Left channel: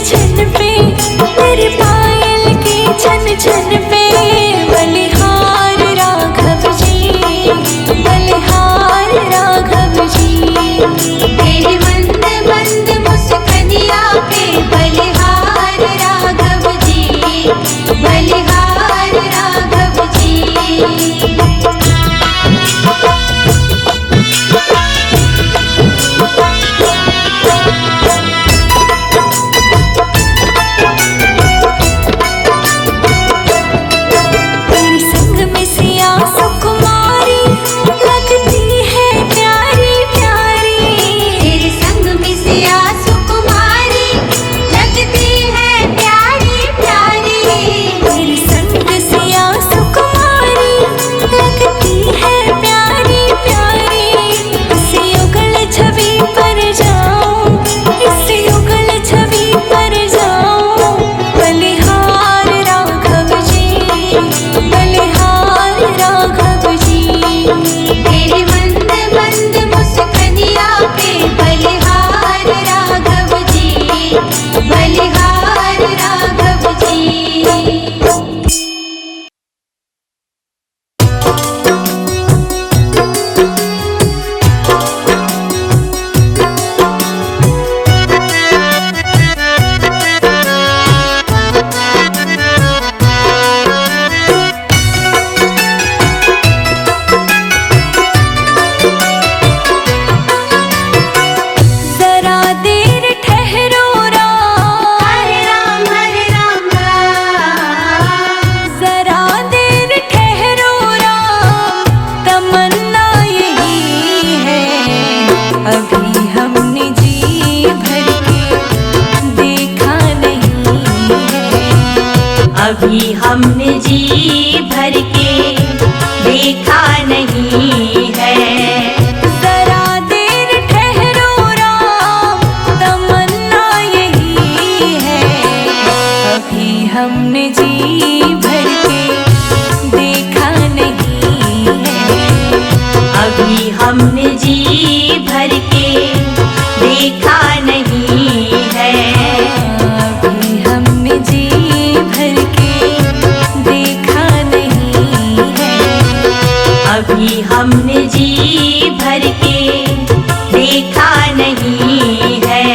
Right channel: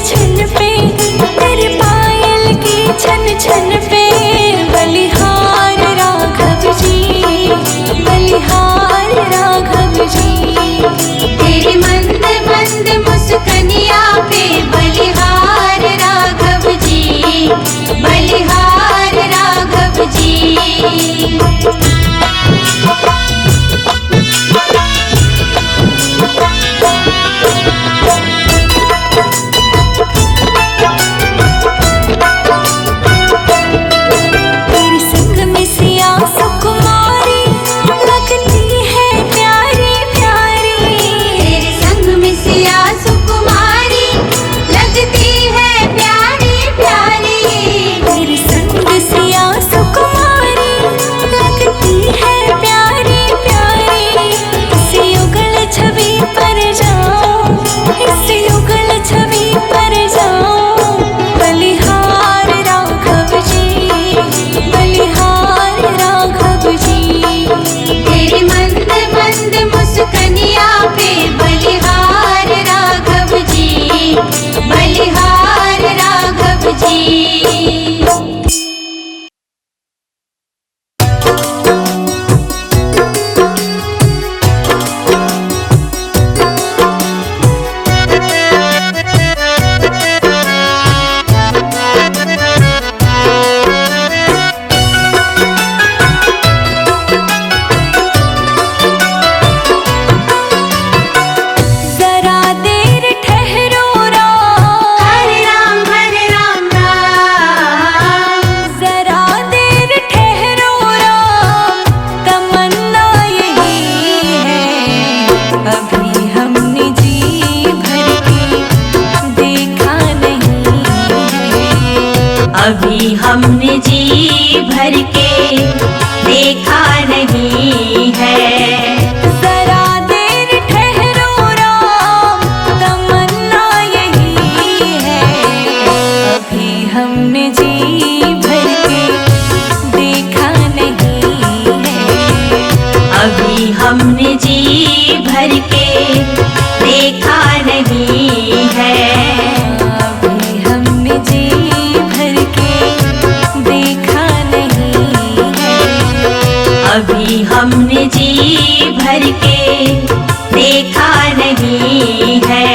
छन पे, तेरे पायल की छन छन पे। बलिहार राघव जी, बलिहार राघव जी। तेरे मंद मंद मुस्कनिया पे बलिहार राघव जी, बलिहार राघव जी। तेरे संग में सिया सुकुमारी लगती है प्यारी प्यारी। तेरे संग में सिया सुकुमारी लगती है प्यारी प्यारी। तेरे संग सिया सुकुमारी लगती है प्यारी प्यारी। इस युगल छवि पर जाऊं, इस युगल छवि पर जाऊं। बलिहार राघव जी, बलिहार राघव जी। तेरे मंद मंद मुस्कनिया पे बलिहार राघव जी, बलिहार राघव जी। जरा देर ठहरो राम, हरे राम राम। जरा देर ठहरो राम। तमन्ना यही है, अभी हमने जी भर के देखा नहीं है। अभी हमने जी भर के देखा नहीं है। जरा देर ठहरो राम, तमन्ना यही है, अभी हमने जी भर के देखा नहीं है। अभी हमने जी भर के देखा नहीं है। अभी हमने जी भर के देखा नहीं है। अभी हमने जी भर के देखा नहीं है।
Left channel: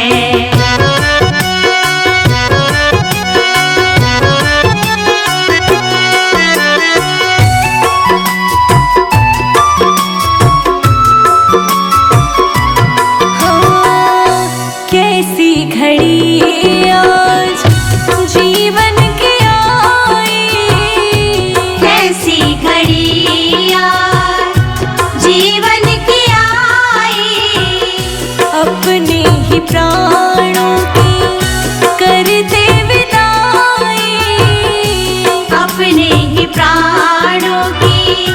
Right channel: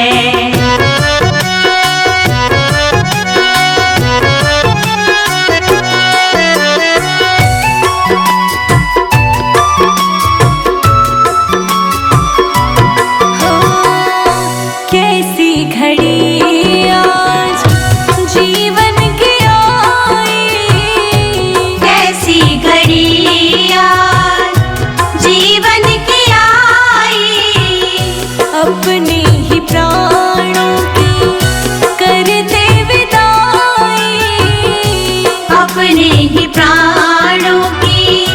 हाँ, कैसी घड़ी आज जीवन की आई। कैसी घड़ी आज जीवन की आई। अपने ही प्राणों की करते विदाई। अपने ही प्राणों की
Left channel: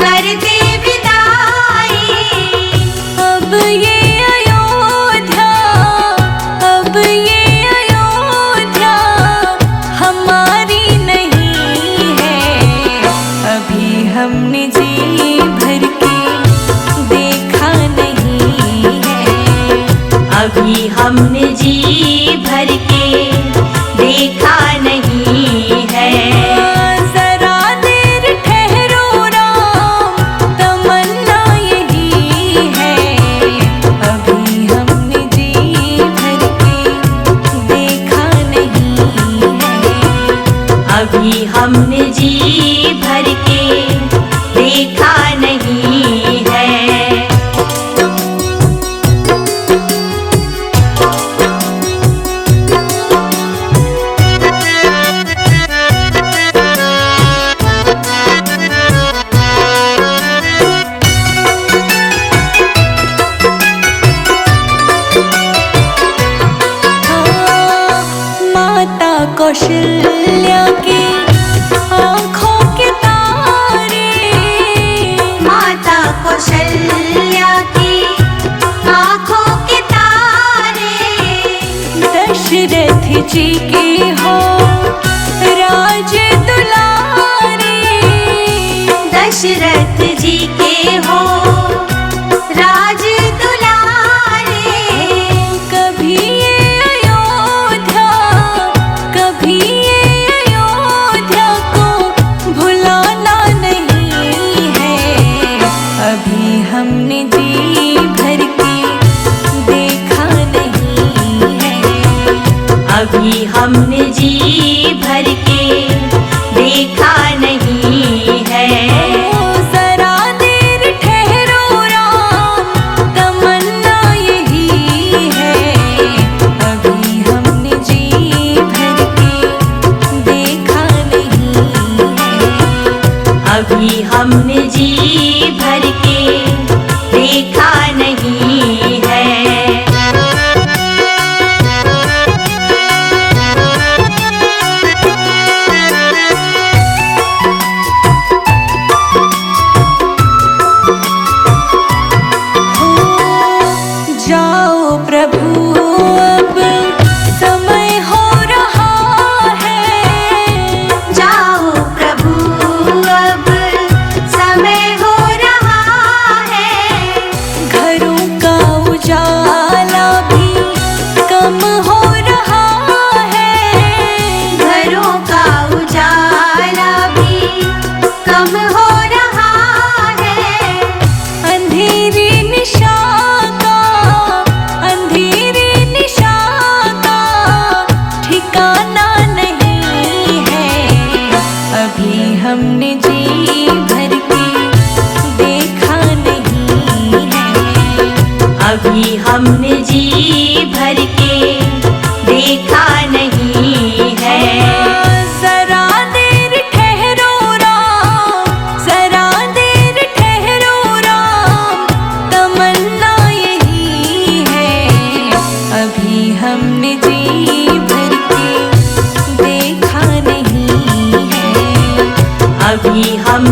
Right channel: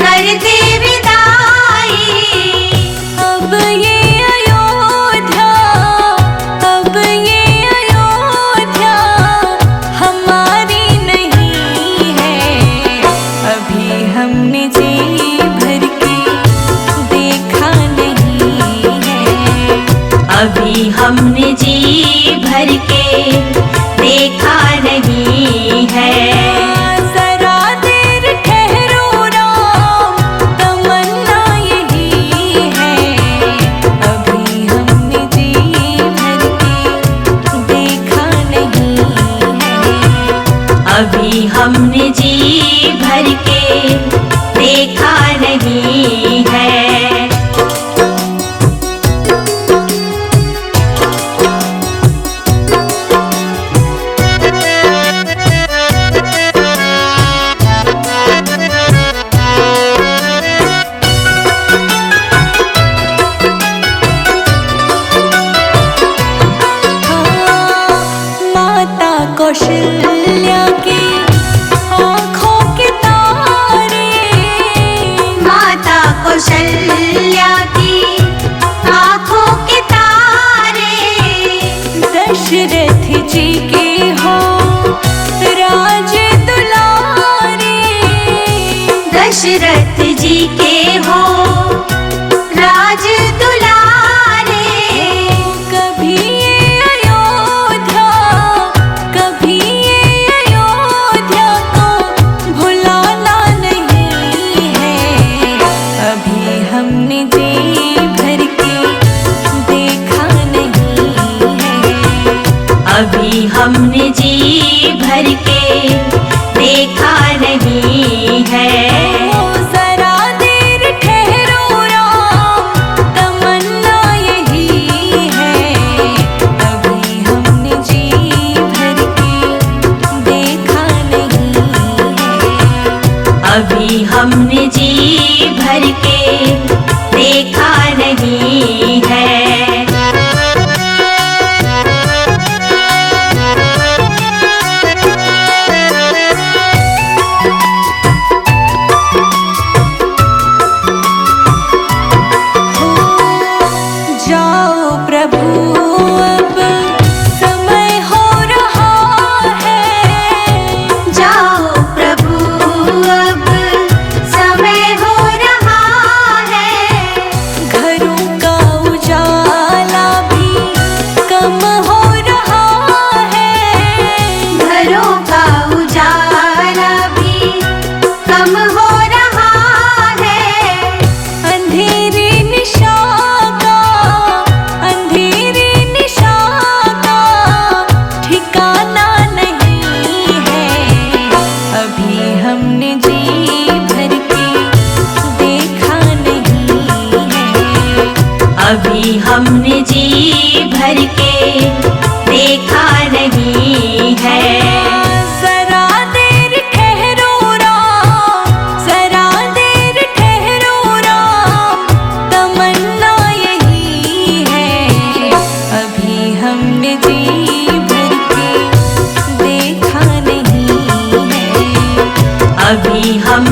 करते विदाई। अब ये अयोध्या, अब ये अयोध्या हमारी नहीं है। अभी हमने जी भर के देखा नहीं है। अभी हमने जी भर के देखा नहीं है। जरा देर ठहरो राम, तमन्ना यही है, अभी हमने जी भर के देखा नहीं है। अभी हमने जी भर के देखा नहीं है। हाँ, माता कौशल्या की आँखों के तारे। माता कौशल्या की आँखों के तारे। दशरथ जी के हो राज दुलारे। दशरथ जी के हो राज दुलारे। कभी ये अयोध्या अभी हमने जी भर के देखा नहीं है। ओ जरा देर ठहरो राम, तमन्ना यही है। अभी हमने जी भर के देखा नहीं है। अभी हमने जी भर के देखा नहीं है। हो जाओ प्रभु अब समय हो रहा है। जाओ प्रभु अब समय हो रहा है। घरों का उजाला भी कम हो रहा है। घरों का उजाला भी कम हो रहा है। अंधेरी निशा का, अंधेरी निशा का ठिकाना नहीं है। अभी हमने जी भर के देखा नहीं है। अभी हमने जी भर के देखा नहीं है। जरा देर ठहरो राम, जरा देर ठहरो राम, तमन्ना यही है। अभी हमने जी भर के देखा नहीं है। अभी हम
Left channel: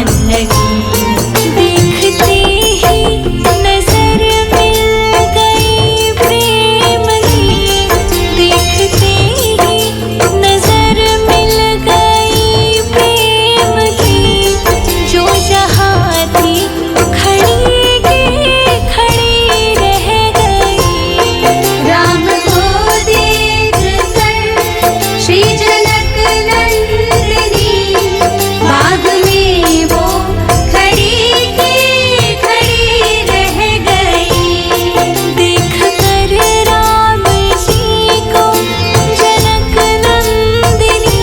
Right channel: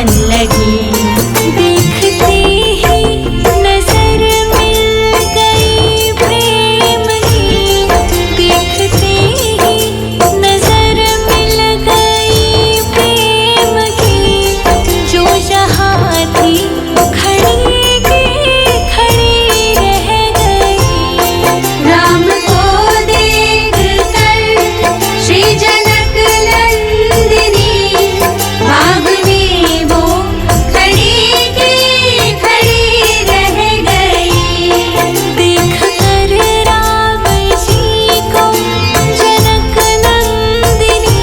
भागन लगी। देखते ही नजर मिल गई प्रेम की, देखते ही नजर मिल गई प्रेम की, जो जहाँ थी खड़ी की खड़ी रह गई। राम को देख कर श्री जनक नंदिनी, बाग में वो खड़ी की खड़ी रह गई। देख कर राम जी को जनक नंदिनी,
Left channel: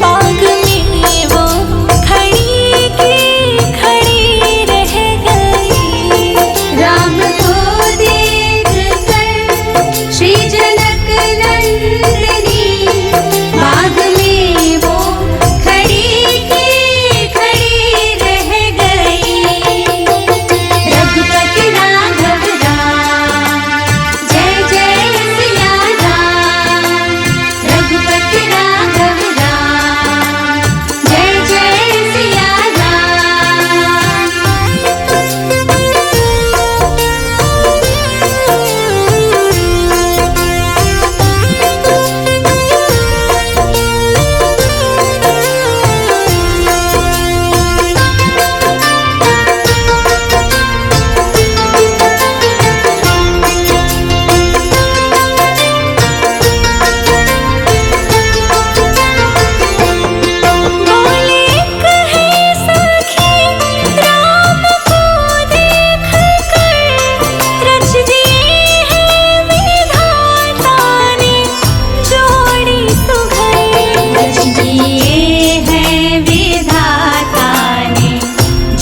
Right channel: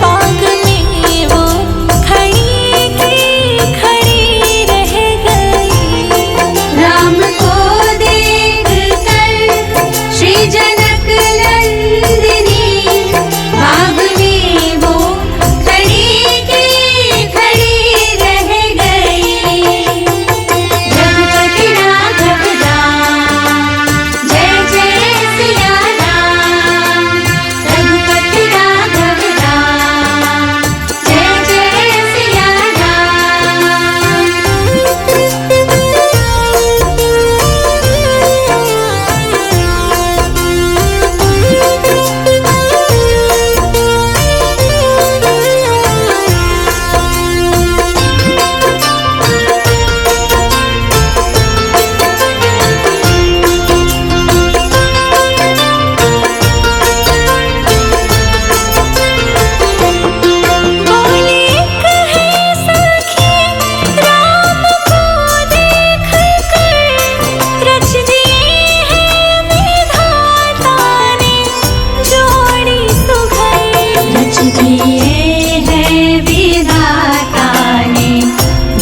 बाग में वो खड़ी की खड़ी रह गई। राम को देख कर श्री जनक नंदिनी, बाग में वो खड़ी की खड़ी रह गई। रघुपति राघव राम, जय जय सिया राम। रघुपति राघव राम, जय जय सिया बोले कहे सखी राम को देख कर, रच दिए हैं विधाता ने जोड़ी सुघर। रच दिए हैं विधाता ने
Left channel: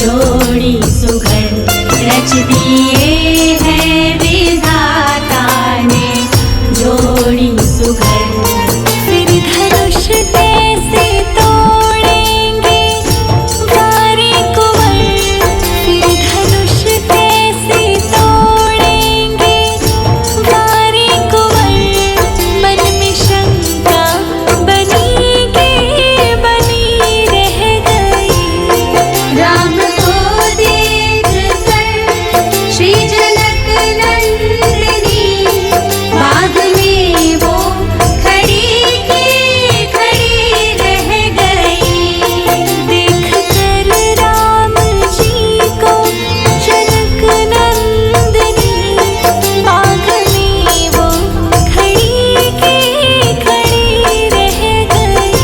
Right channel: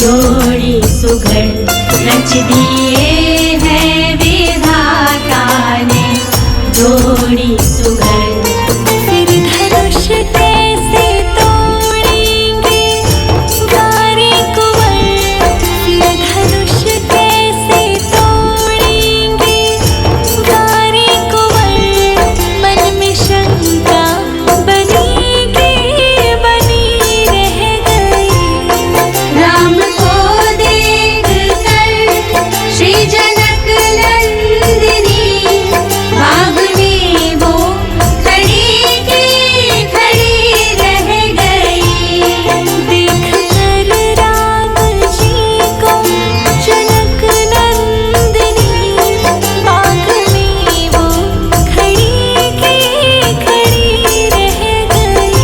जोड़ी सुघर। रच दिए हैं विधाता ने जोड़ी सुघर। फिर धनुष कैसे तोड़ेंगे वारे कुंवर, फिर धनुष कैसे तोड़ेंगे वारे कुंवर, मन में शंका बनी के बनी रह गई। राम को देख कर श्री जनक नंदिनी, बाग में वो खड़ी की खड़ी रह गई। देख कर राम जी को जनक नंदिनी, बाग में वो खड़ी की खड़ी रह गई।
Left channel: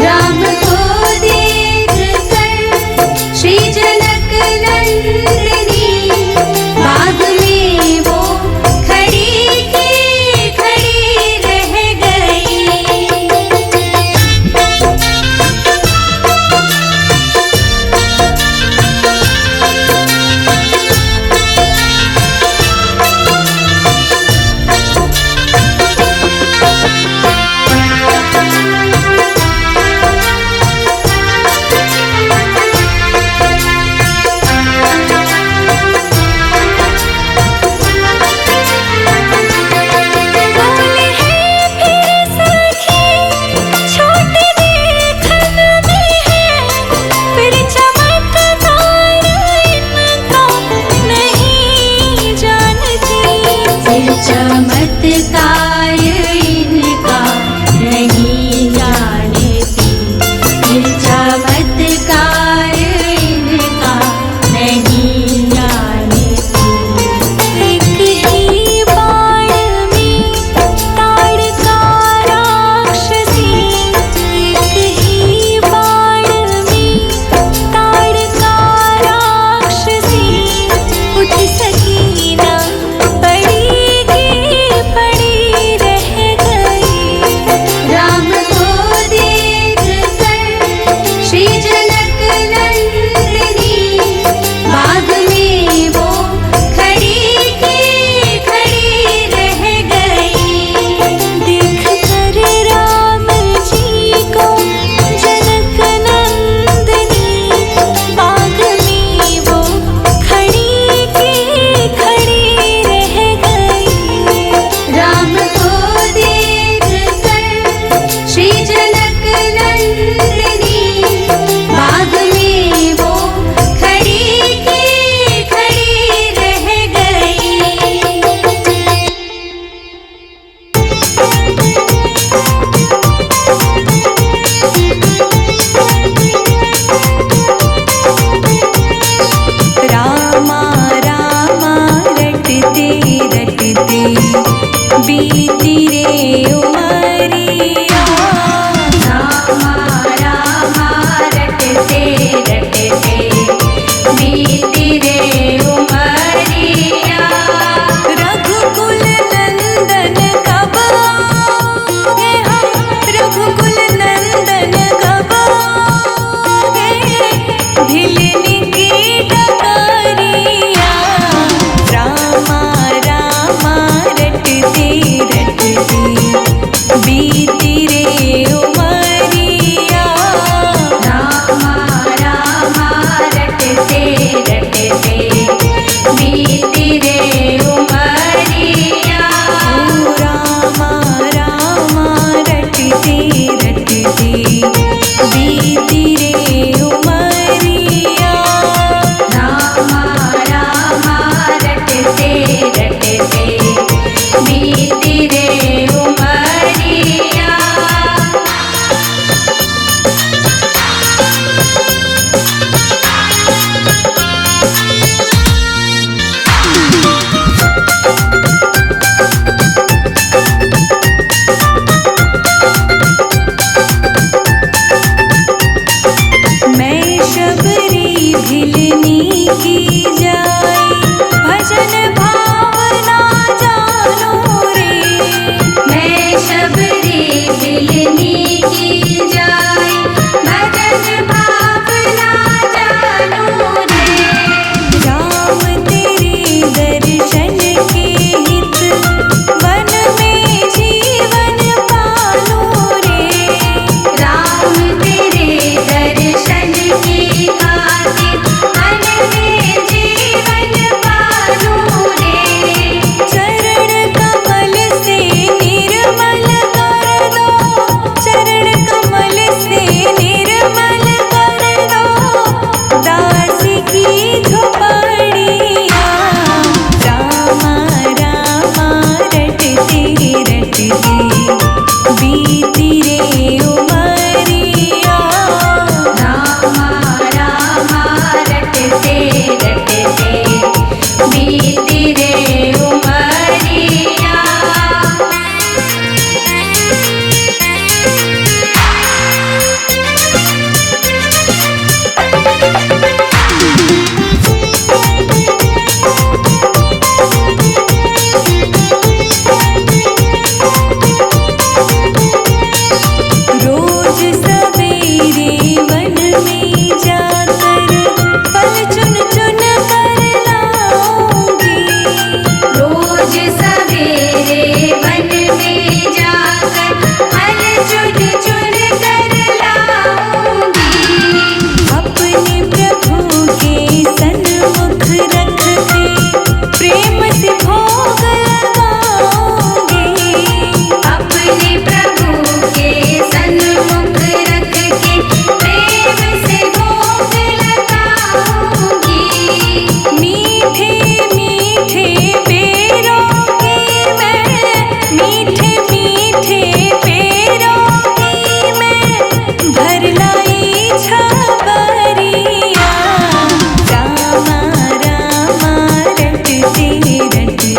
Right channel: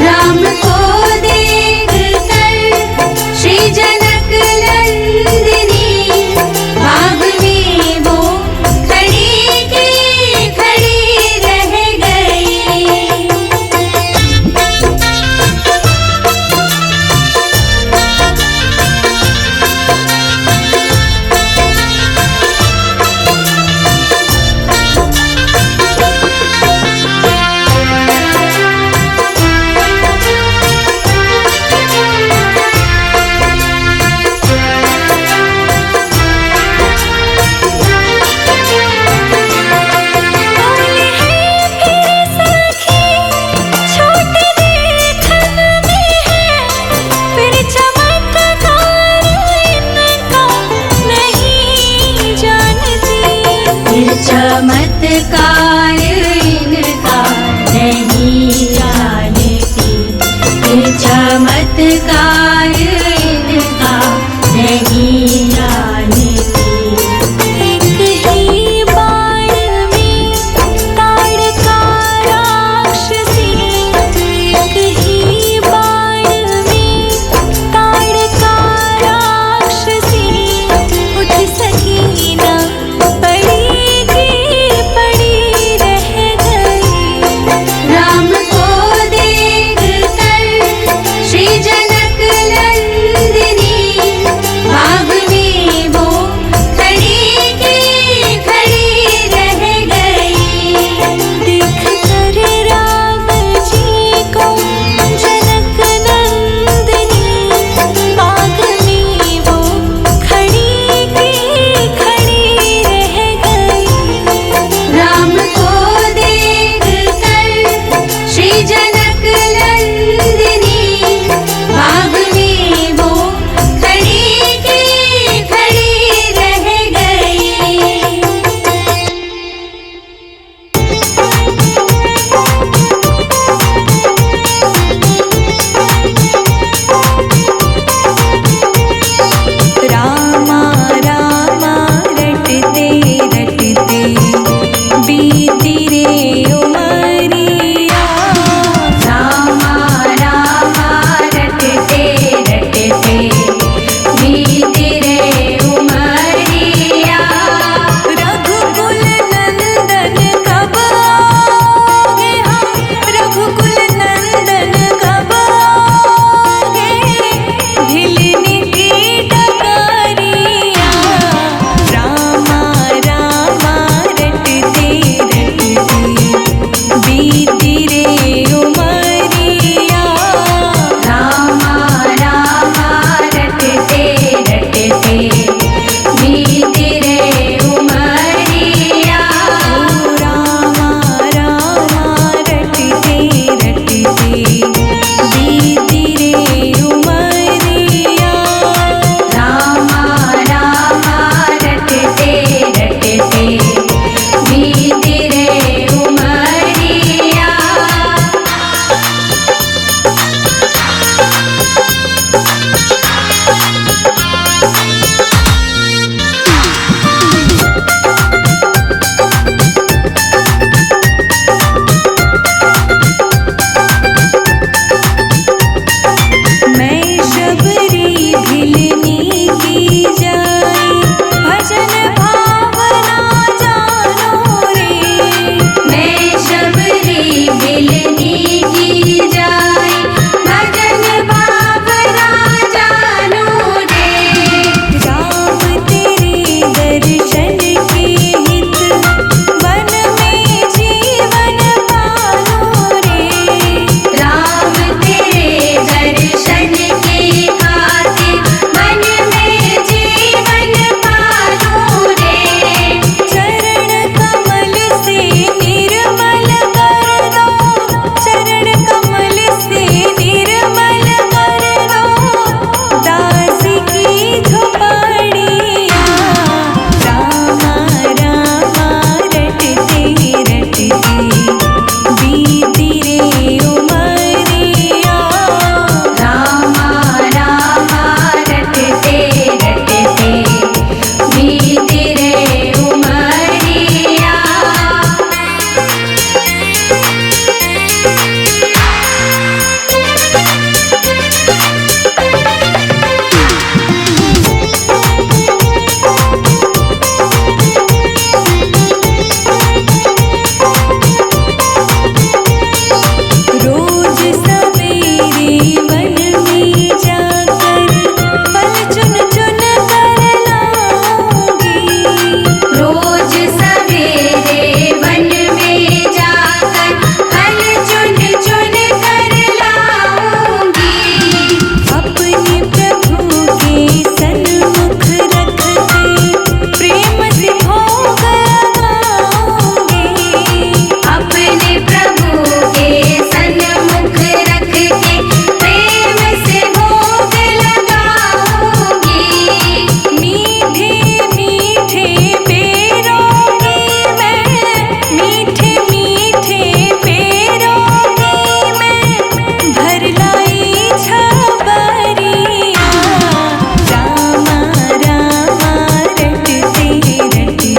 राम को देख कर श्री जनक नंदिनी, बाग में वो खड़ी की खड़ी रह गई। बोले हैं फिर सखी छोटे देखन में है, फिर चमत्कार इनका नहीं जानती। फिर चमत्कार इनका नहीं जानती। फिर चमत्कार इनका नहीं जानती। एक ही बाण में ताड़का राक्षसी, एक ही बाण में ताड़का राक्षसी, उठ सकी ना पड़ी की पड़ी रह गई। राम को देख कर श्री जनक शबरी भिलनी की जाई, भजन भावना जानो रे। मैं शबरी भिलनी की जाई, भजन भावना जानो रे। राम तेरे दर्शन के हित, वन में जीवन पालो रे। राम तेरे दर्शन की खातिर, मन में जीवन पालो रे। चरण कमल से निर्मल कर दो, चरण कमल से निर्मल कर दो, दास की झोपड़िया। रामा रामा रटते रटते बीती रे उमरिया। रामा रामा रटते रटते बीती रे उमरिया। रोज सवेरे वन में जाकर फल चुन चुन कर लाऊंगी। रोज सवेरे वन में जाकर फल चुन चुन कर लाऊंगी। अपने प्रभु के सन्मुख रख के प्रेम से भोग लगाऊंगी। अपने प्रभु के सन्मुख रख के प्रेम से भोग लगाऊंगी। मीठे मीठे पेरों की मैं, मीठे मीठे पेरों की मैं भर लाई छबरिया। रामा रामा रटते रटते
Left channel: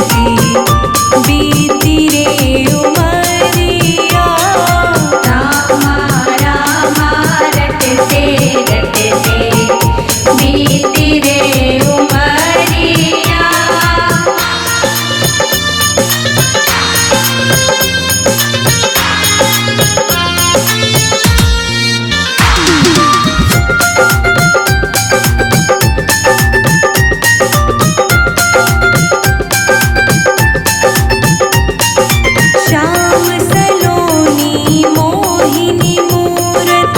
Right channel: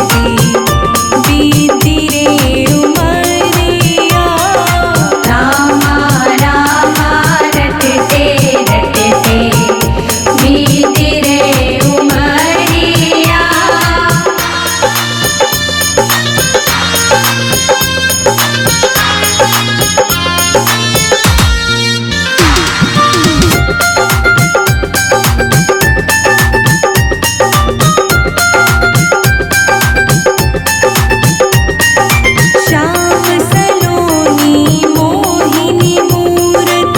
बीती रे उमरिया। रामा रामा रटते रटते बीती रे उमरिया। श्याम सलोनी मोहिनी मूरत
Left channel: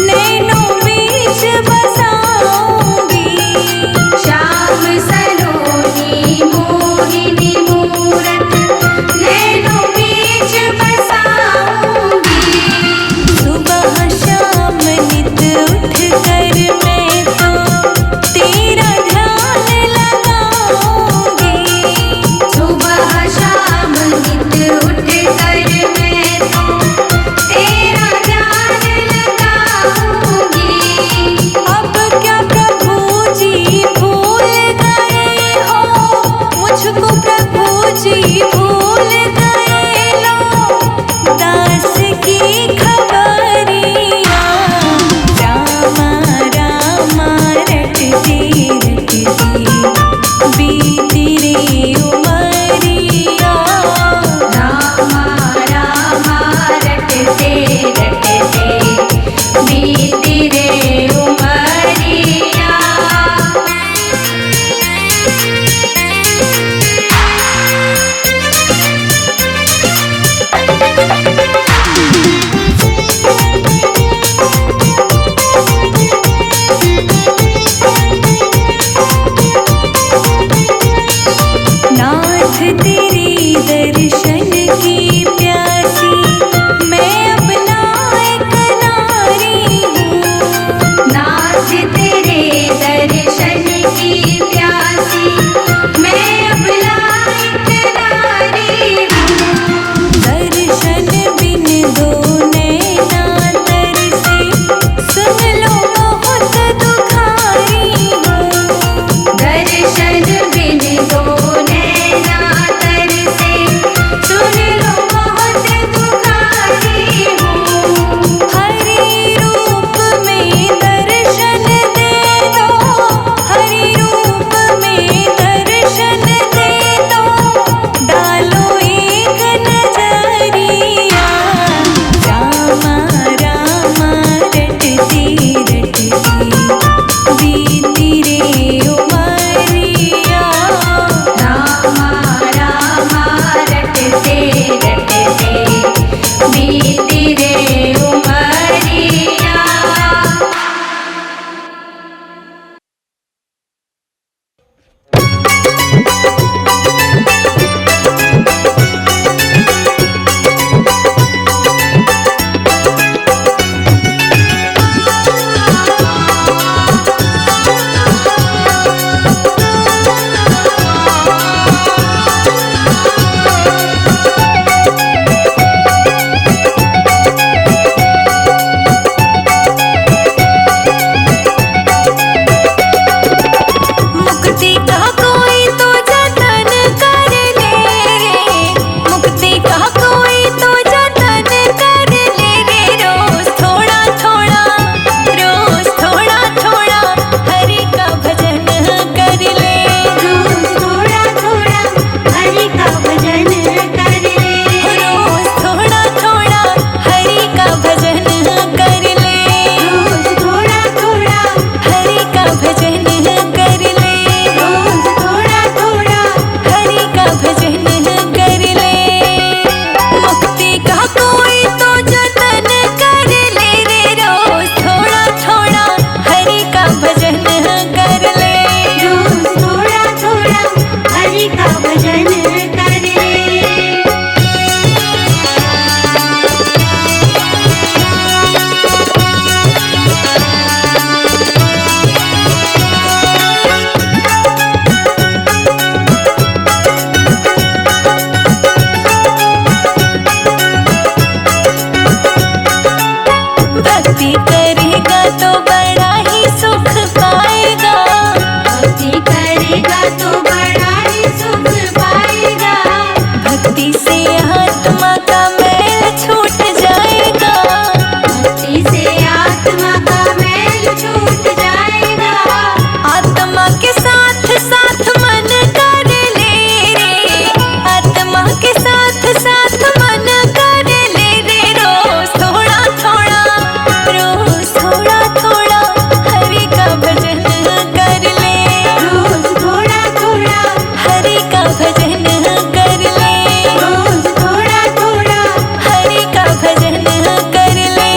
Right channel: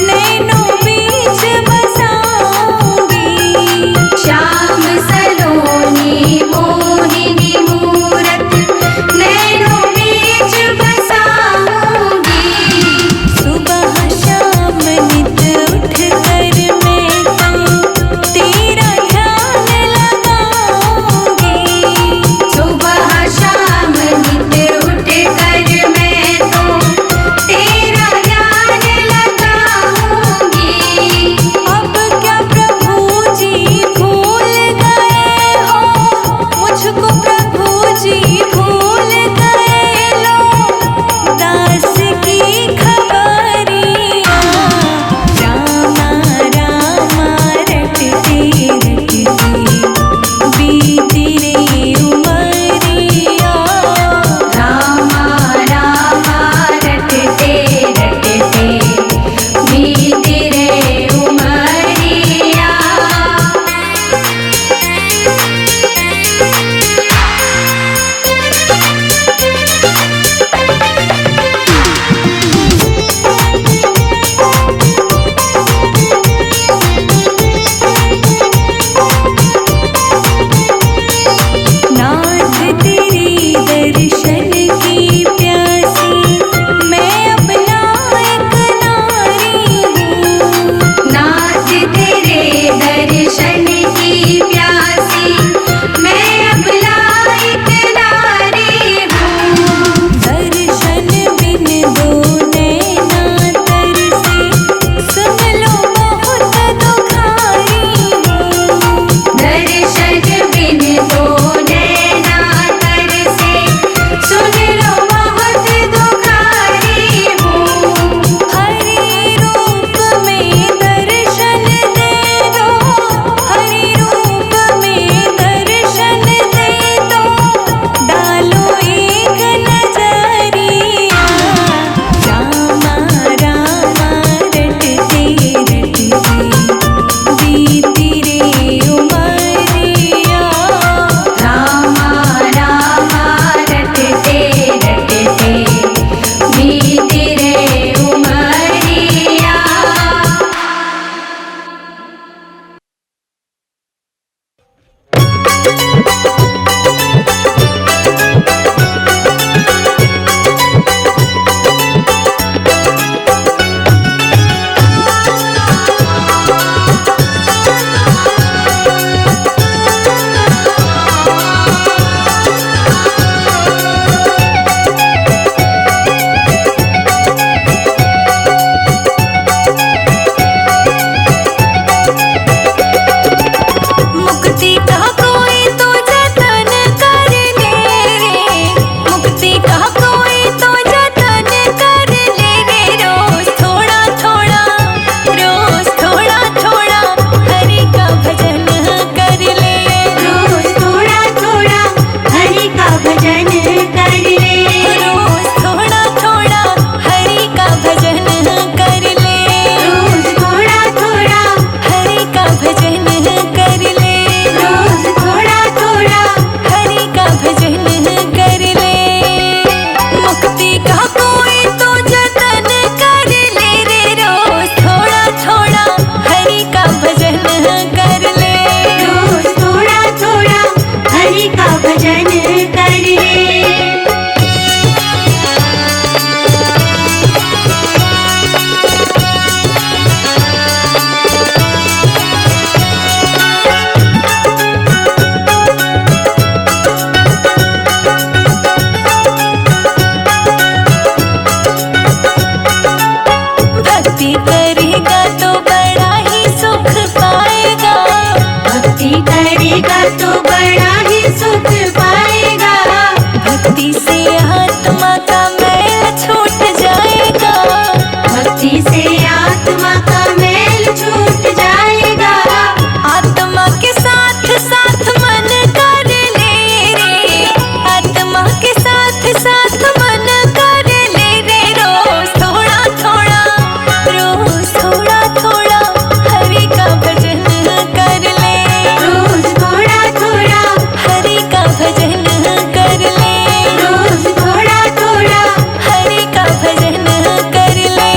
नैनों बीच बसाऊंगी। श्याम सलोनी मोहिनी मूरत नैनों बीच बसाऊंगी। सुबह शाम नित उठ कर मैं तो तेरा ध्यान लगाऊंगी। सुबह शाम नित उठ कर मैं तो तेरा ध्यान लगाऊंगी। अब क्या प्रभु जी भूल गए हो, मुझको प्रभु जी भूल गए लो, दास की खबरिया। रामा रामा रटते रटते बीती रे उमरिया। रामा रामा रटते रटते बीती रे उमरिया। नाथ तेरे दर्शन की प्यासी मैं अब लायक नारी हूँ। नाथ तेरे दर्शन की प्यासी मैं अब लायक नारी हूँ। दर्शन बिन दो नैना तरसे, सुन लो बहुत दुख हरि का भजन कर ले। रोज थोड़ा थोड़ा हरि का भजन कर ले। भक्ति करेगा तो बड़ा ही सुख पाएगा। भक्ति करेगा तो बड़ा ही सुख पाएगा। भक्ति से आत्मा का मैल छूट जाएगा। भक्ति से आत्मा का मैल छूट जाएगा। आत्मा के साथ साथ मन कर ले रे। आत्मा के साथ साथ मन कर ले रे। रोज थोड़ा थोड़ा, रोज थोड़ा थोड़ा हरि का भजन कर ले। रोज थोड़ा थोड़ा हरि का भजन कर ले। रोज थोड़ा थोड़ा हरि का भजन कर ले।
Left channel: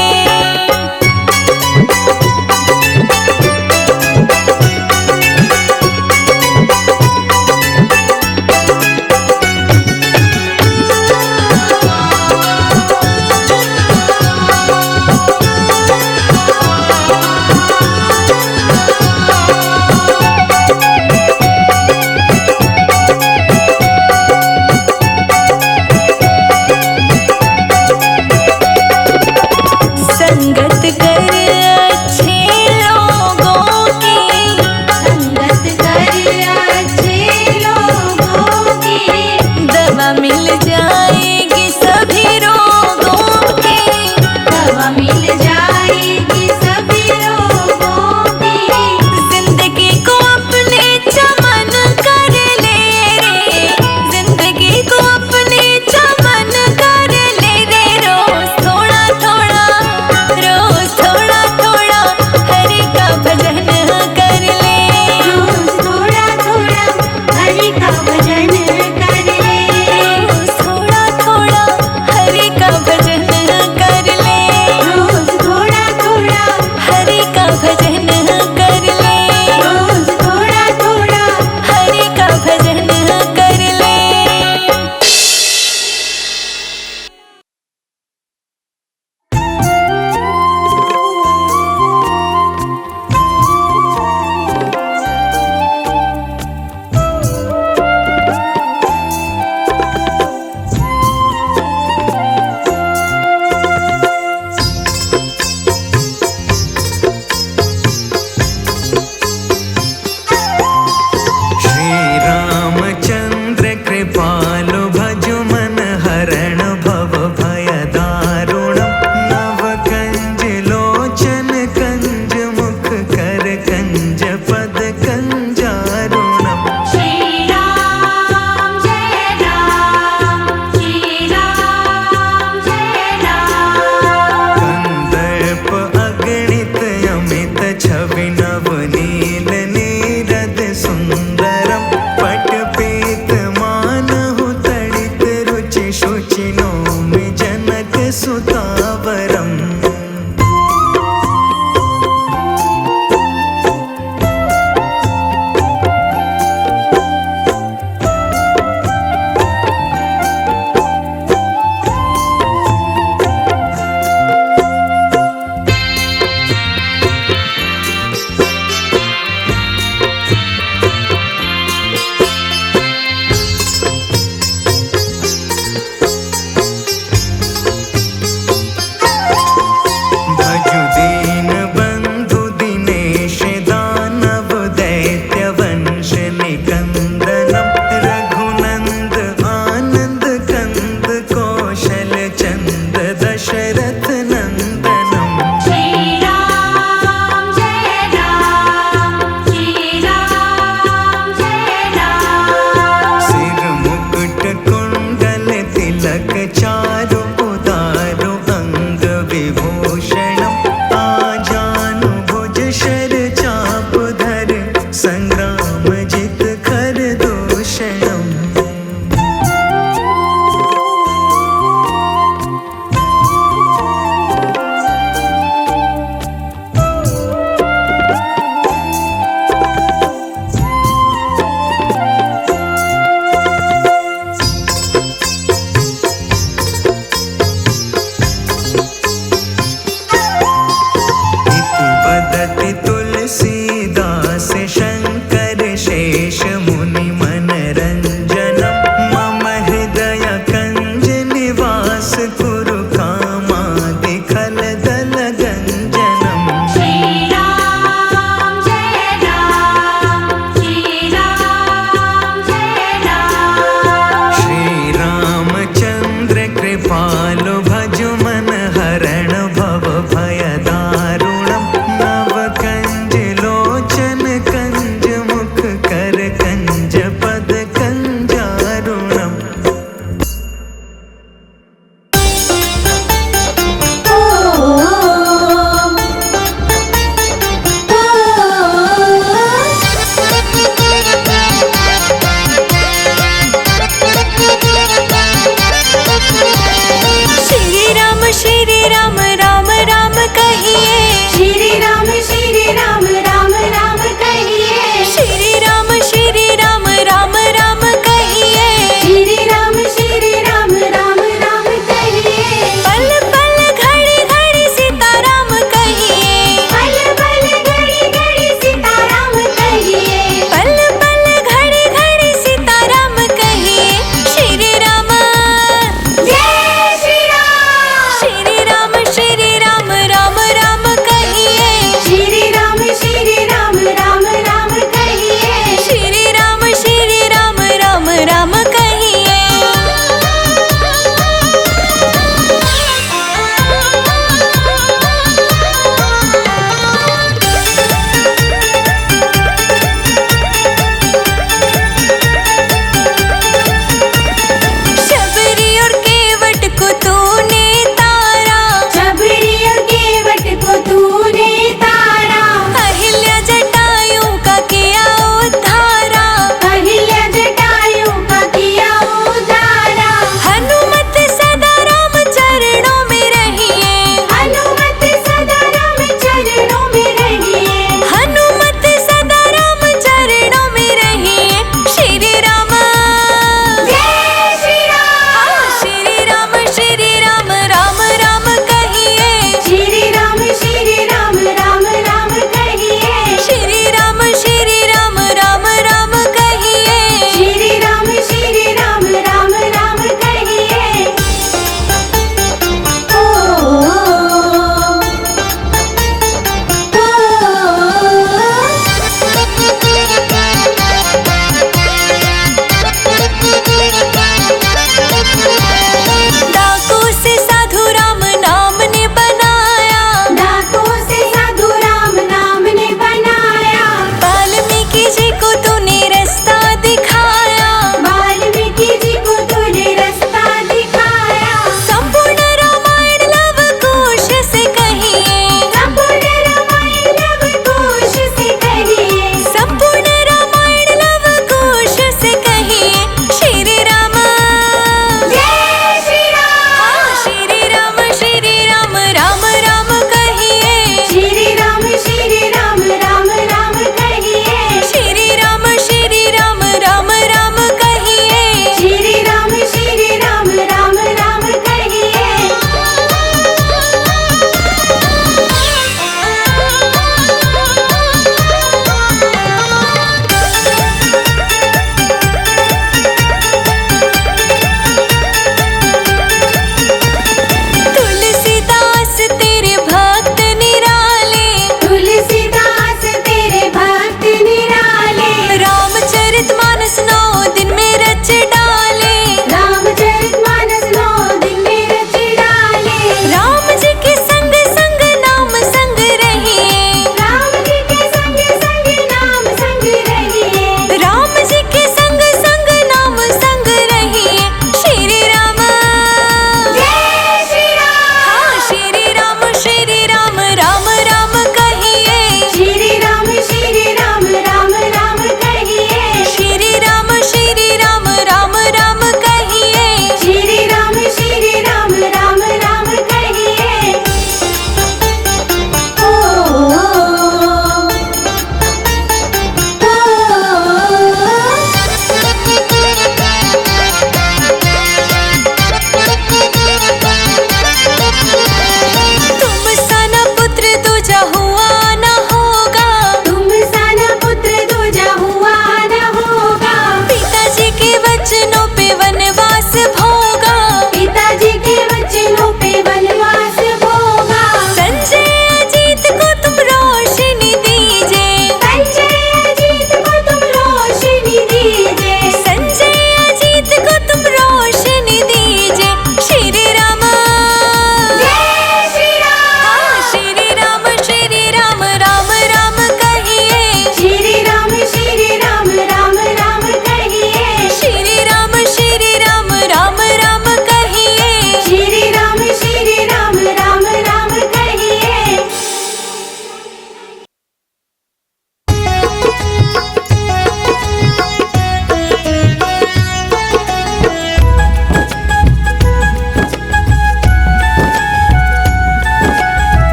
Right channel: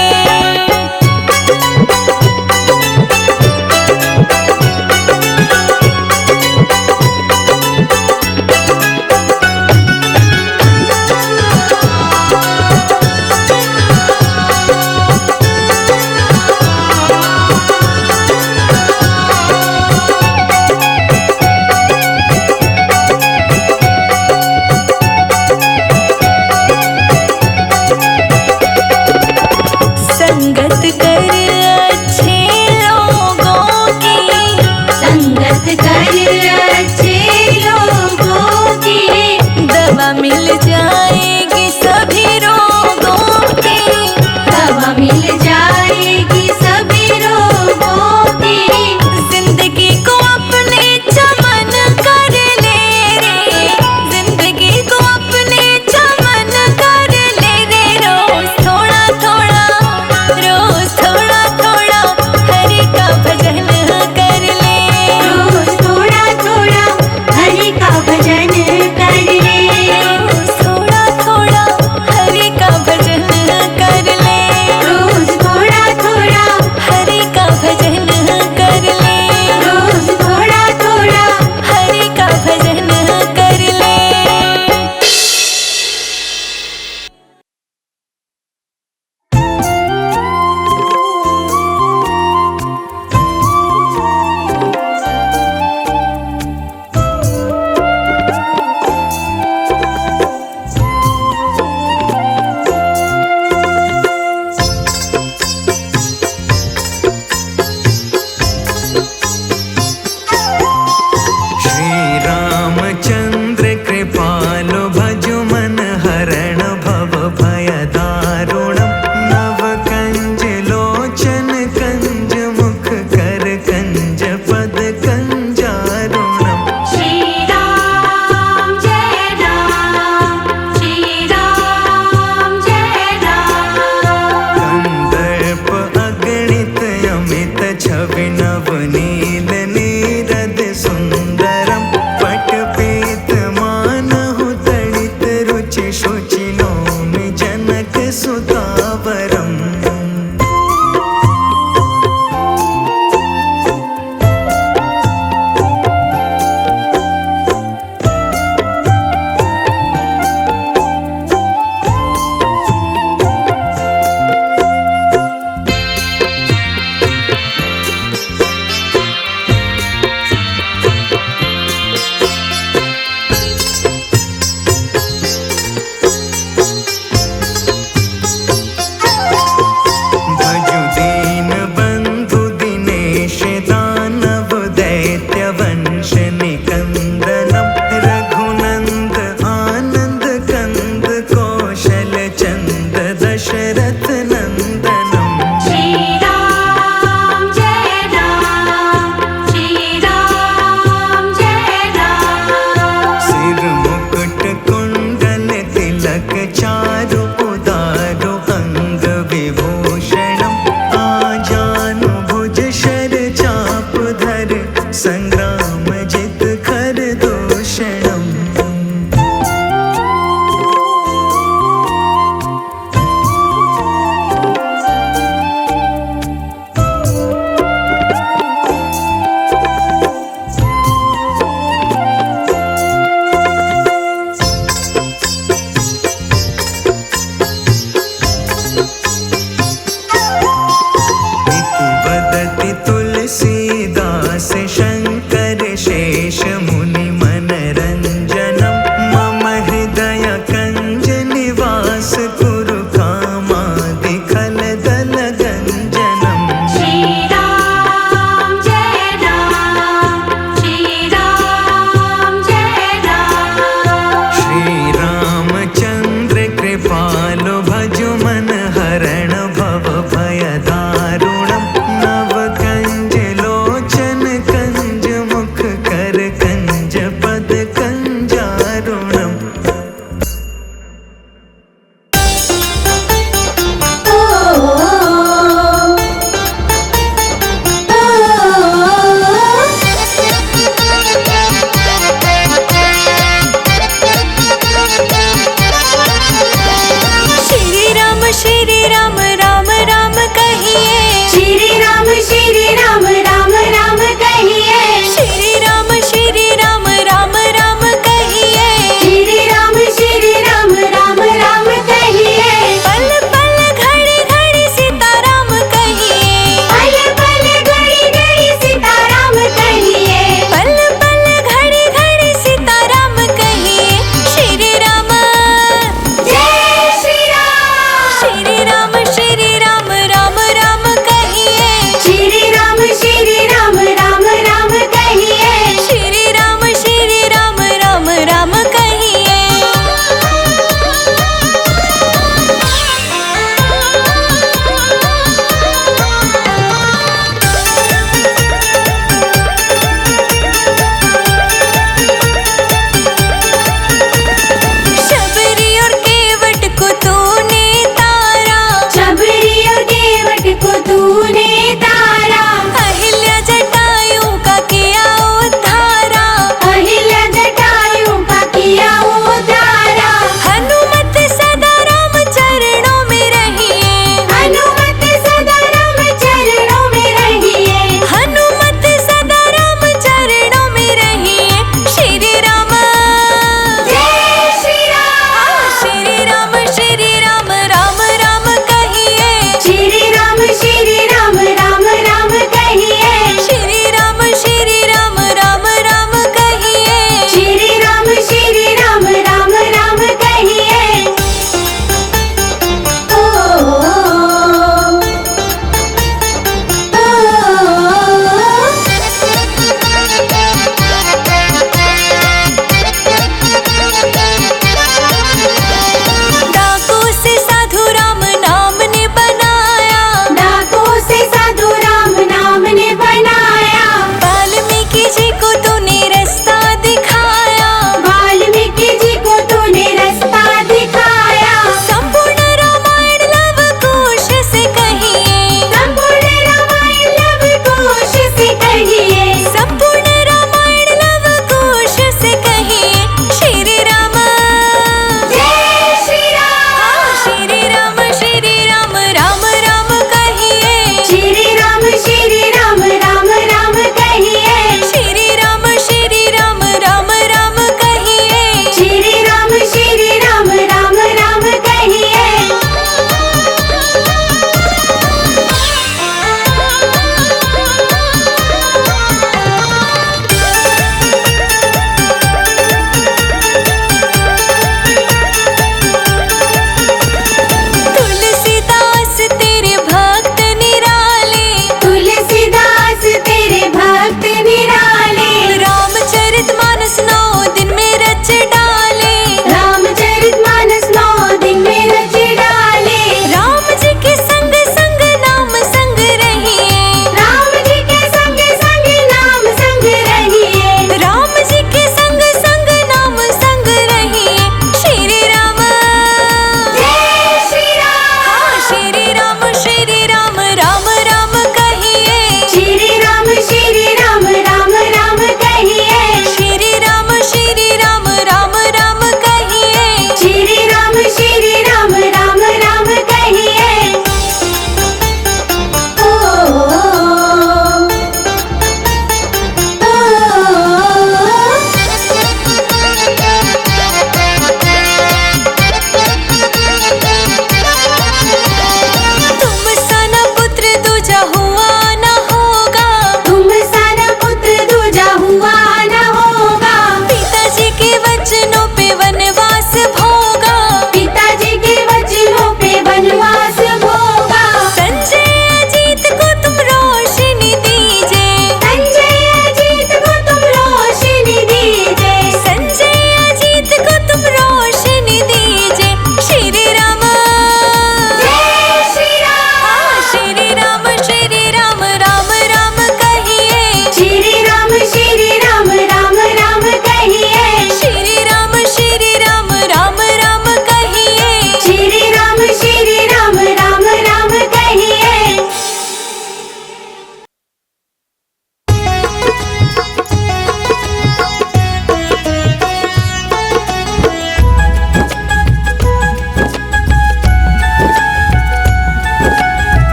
संगत कर अच्छे लोगों की। संगत कर अच्छे लोगों की। दवा मिल जाएगी सभी रोगों की। दवा मिल जाएगी सभी रोगों की। जिंदगी को अपने चमन कर ले रे। जिंदगी को अपने चमन कर ले रे। रोज थोड़ा थोड़ा, रोज थोड़ा थोड़ा हरि का भजन कर ले। रोज थोड़ा थोड़ा हरि का भजन कर ले। रोज थोड़ा थोड़ा हरि का भजन कर ले। रोज थोड़ा थोड़ा हरि का भजन कर ले। रोज थोड़ा थोड़ा हरि का भजन कर ले। श्री रामचंद्र कृपालु भजु मन हरण भव भय दारुणम। नव कंज लोचन कंज मुख कर कंज पद कंजारुणम। श्री राम जय राम। श्री राम जय राम। कंदर्प अगणित अमित छवि नव नील नीरद सुंदरम। पट पीत मानहु तड़ित रुचि शुचि नौमि जनक सुतावरम। भजु दीन बंधु दिनेश दानव दैत्य वंश निकंदनम। रघुनंद आनंद कंद कौशल चंद दशरथ नंदनम। श्री राम जय राम। श्री राम जय राम। सिर मुकुट कुंडल तिलक चारु उदारु अंग विभूषणम। आजानु भुज शर चाप धर संग्राम जित खर दूषणम। तुलसीदास शङ्कर शेष मुनि मनरञ्जनं मम हृदय कञ्ज निवास कुरु कामादि खलदल गञ्जनम्। श्री राम जय राम, श्री राम जय राम। श्री रामचन्द्र कृपालु भजु मन हरण भव भय दारुणम् नव कंज लोचन कंज मुख कर कंज पद कंजारुणम्। श्री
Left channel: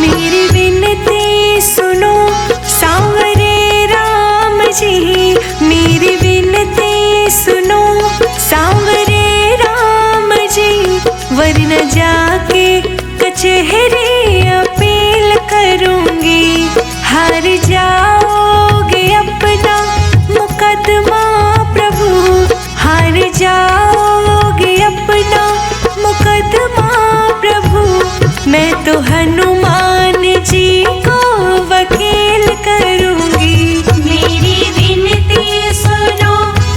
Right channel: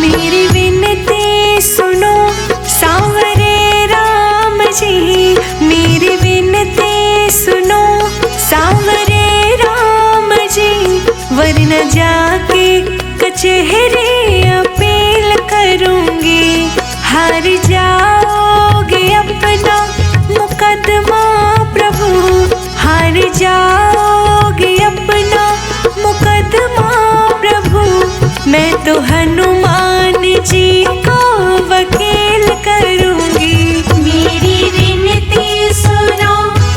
मेरी विनती सुनो सांवरे राम जी, मेरी विनती सुनो सांवरे राम जी, वरना जाके कचहरी अपील करूंगी। हार जाओगे अपना मुकदमा प्रभु, हार जाओगे अपना मुकदमा प्रभु, मैं तो हनुमान जी को वकील करूंगी। मेरी विनती सुनो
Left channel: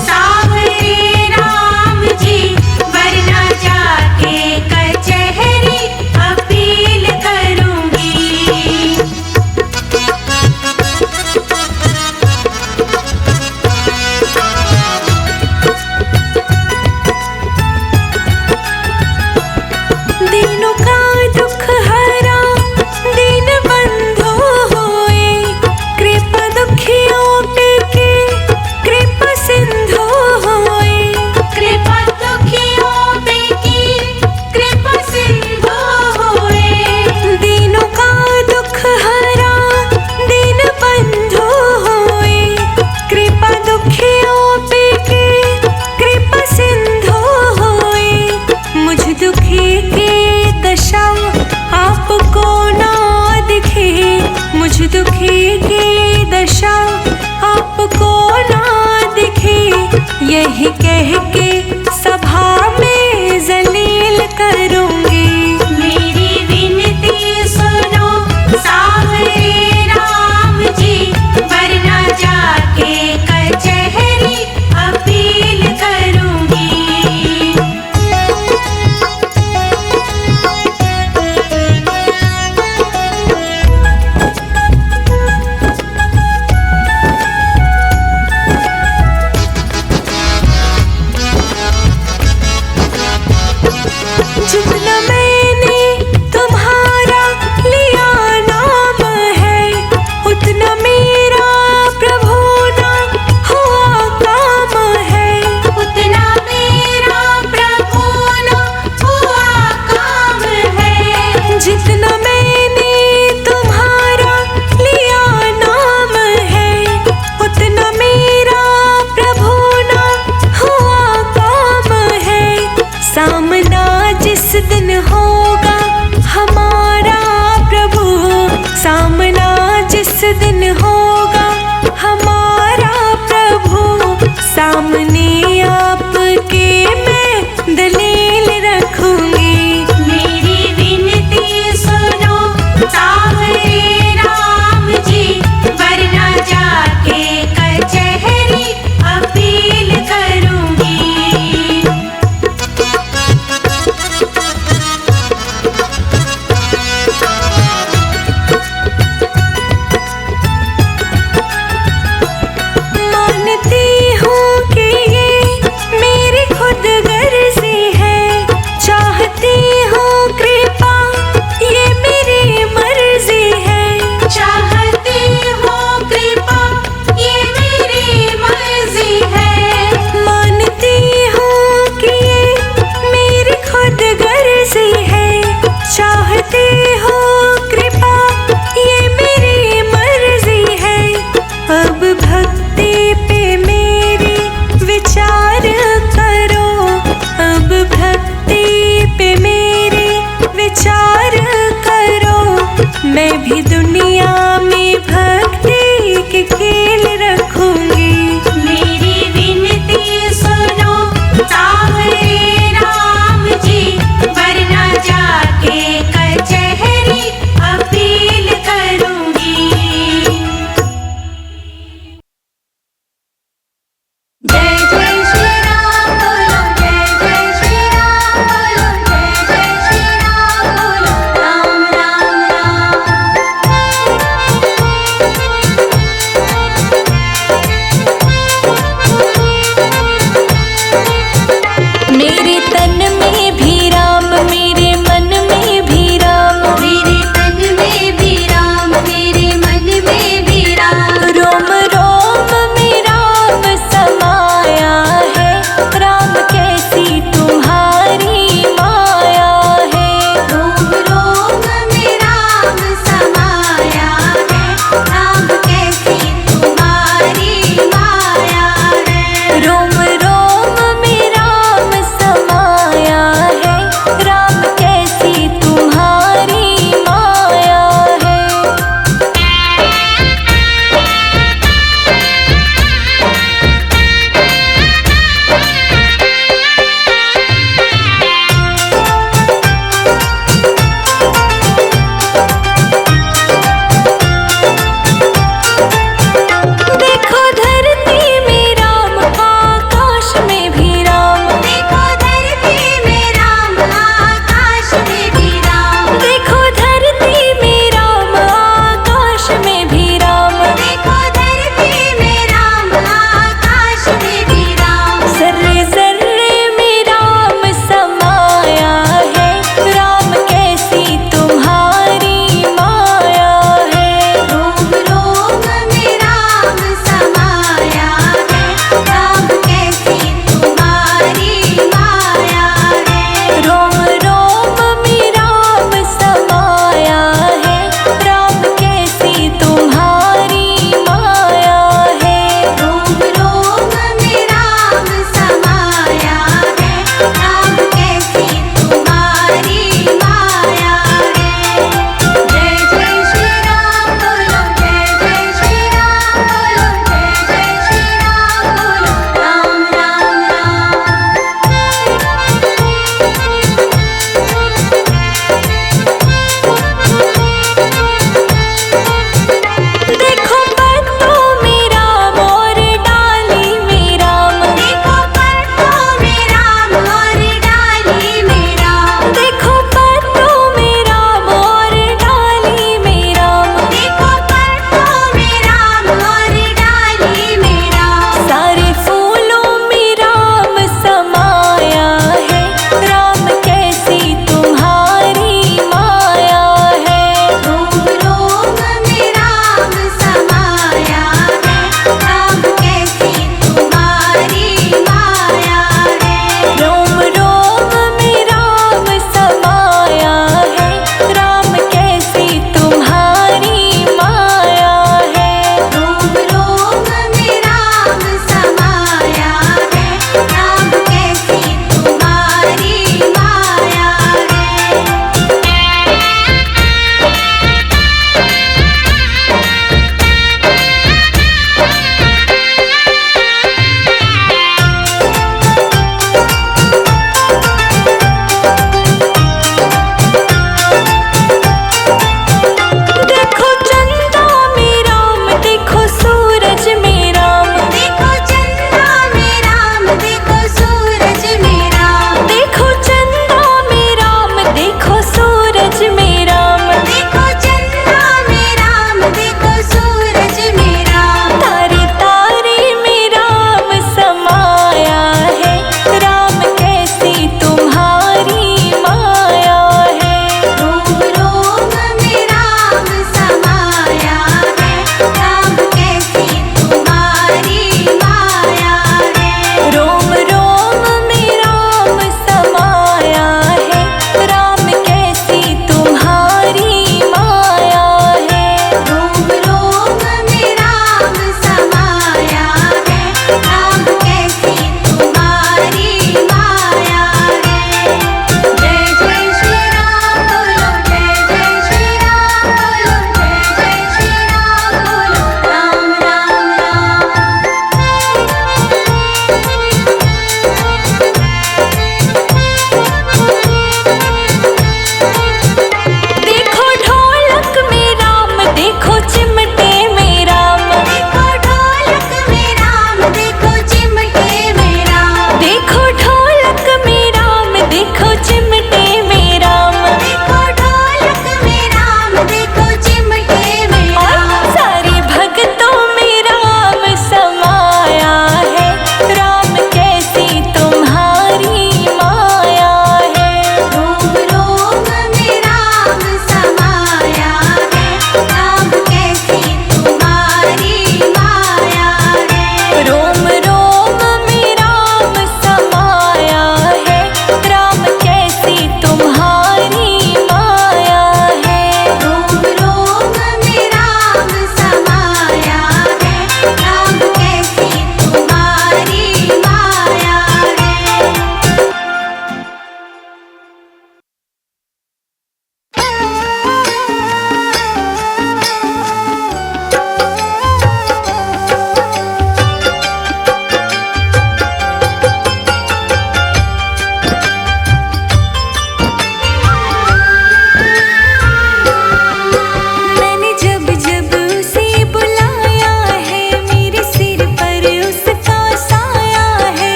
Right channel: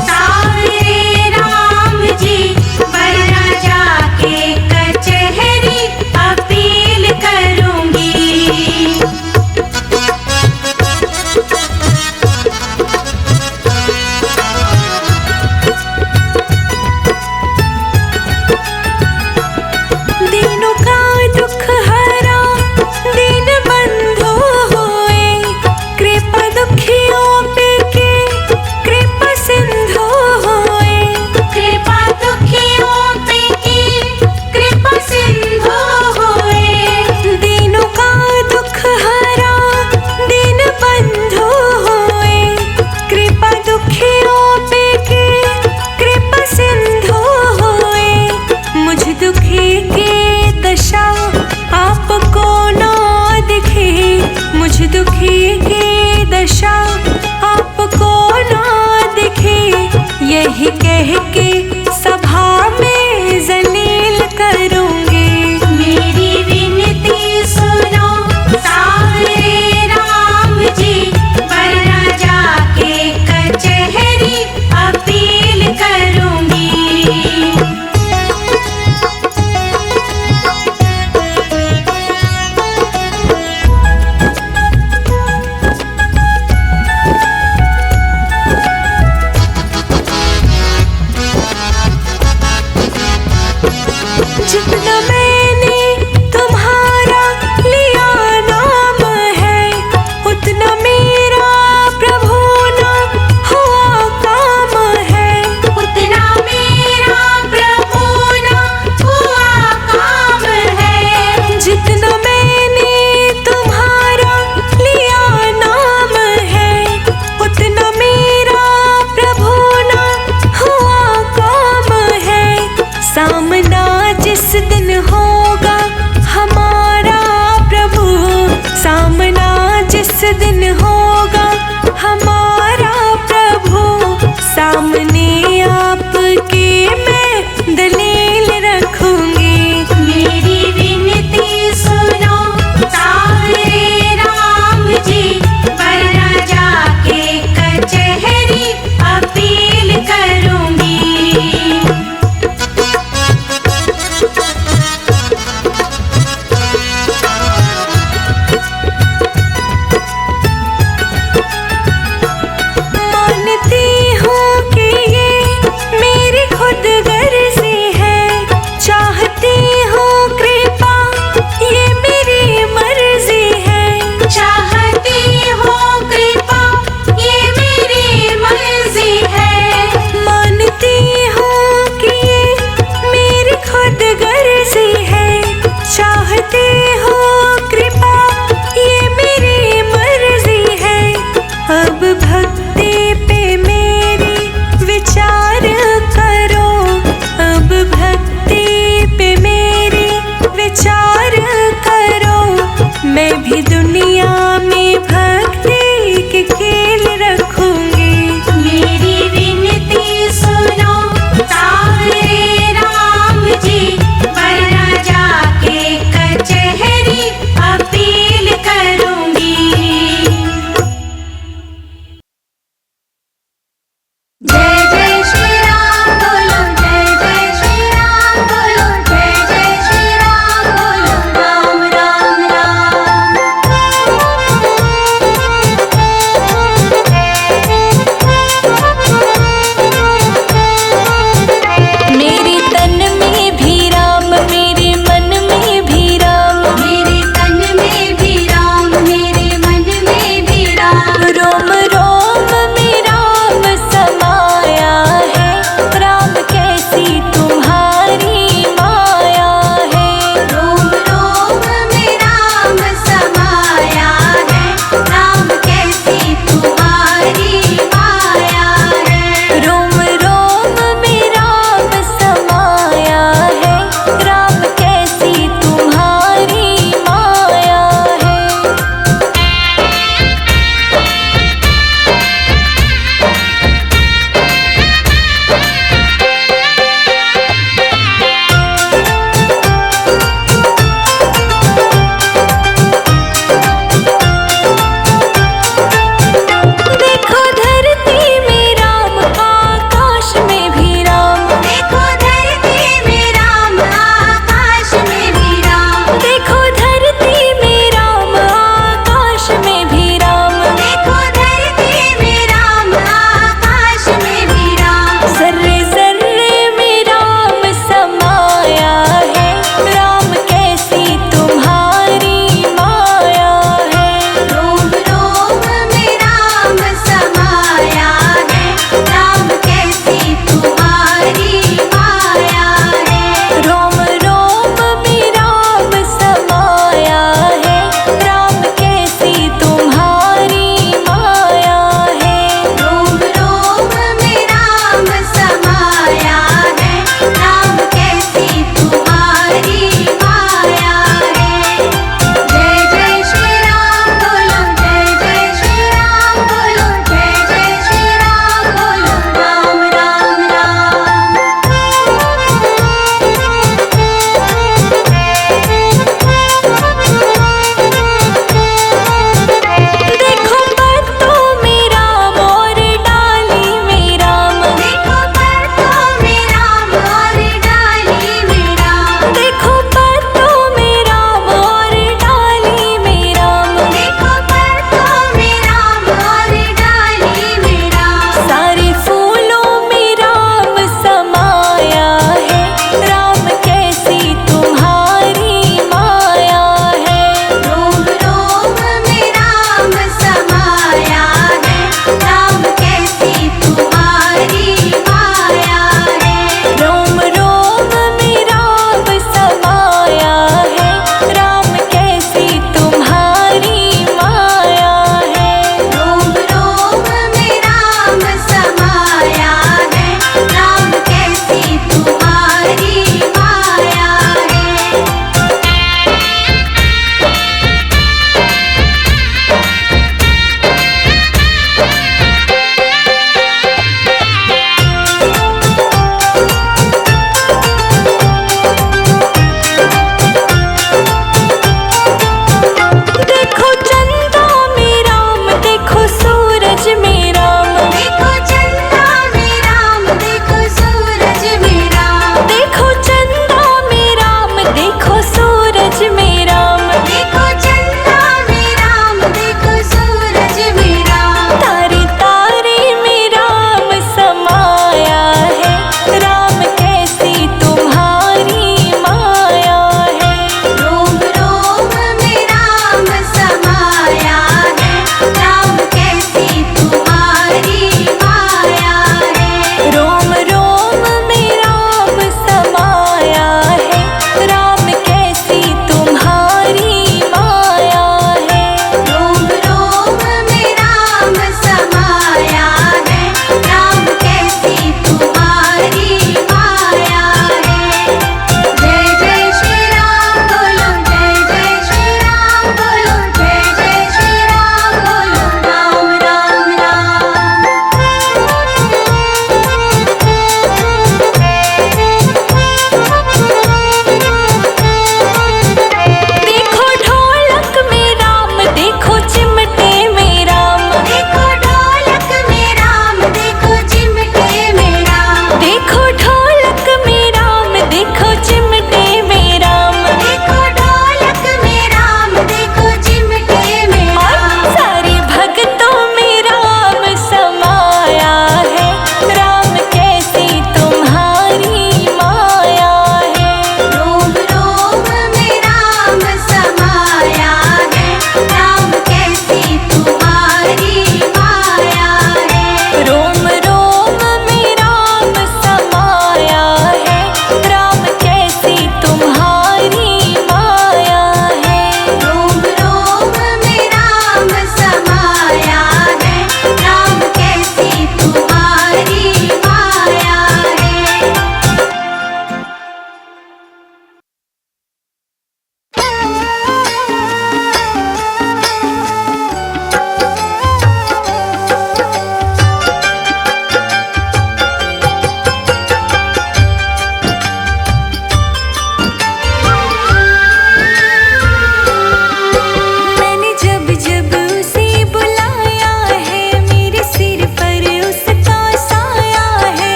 सांवरे राम जी, वरना जाके कचहरी अपील करूंगी। दीनों का दुख हरा दीन बंधु होए, कृपा दुखियों पे के कृपा सिंधु होए। कृपा दुखियों पे की कृपा सिंधु होए। दीनों का दुख हरा दीन बंधु होए, कृपा दुखियों पे के कृपा सिंधु होए। मुझ दुखी की दशा आपको ना दिखे, मुझ दुखी की दशा आपको ना दिखे, यही कह के सभा में जलील करूंगी। मेरी विनती सुनो सांवरे राम जी, वरना जाके कचहरी अपील करूंगी। जितना मैंने तुम्हारा लिया नाम है, उतना मेरा प्रभु ना हुआ काम है। उतना मेरा प्रभु ना हुआ काम है। जितना मैंने तुम्हारा लिया नाम है, उतना मेरा प्रभु ना हुआ काम है। सामना जिस दिन होगा हमारा प्रभु, सामना जिस दिन होगा हमारा प्रभु, सामने आपके मैं दलील रखूंगी। मेरी विनती सुनो सांवरे राम जी, वरना जाके कचहरी अपील करूंगी। मानती हूँ कि ये मेरी खुद गर्जी है, चाहती हूँ कृपा ये मेरी मर्जी है। चाहती हूँ कृपा ये मेरी मर्जी है। मानती हूँ कि ये मेरी खुद गर्जी है, चाहती हूँ कृपा ये मेरी मर्जी है। अब भक्ति पे मेरी विचार करो, अब भक्ति पे मेरी विचार करो, मैं भी दुनिया में भक्ति के खेल रखूंगी।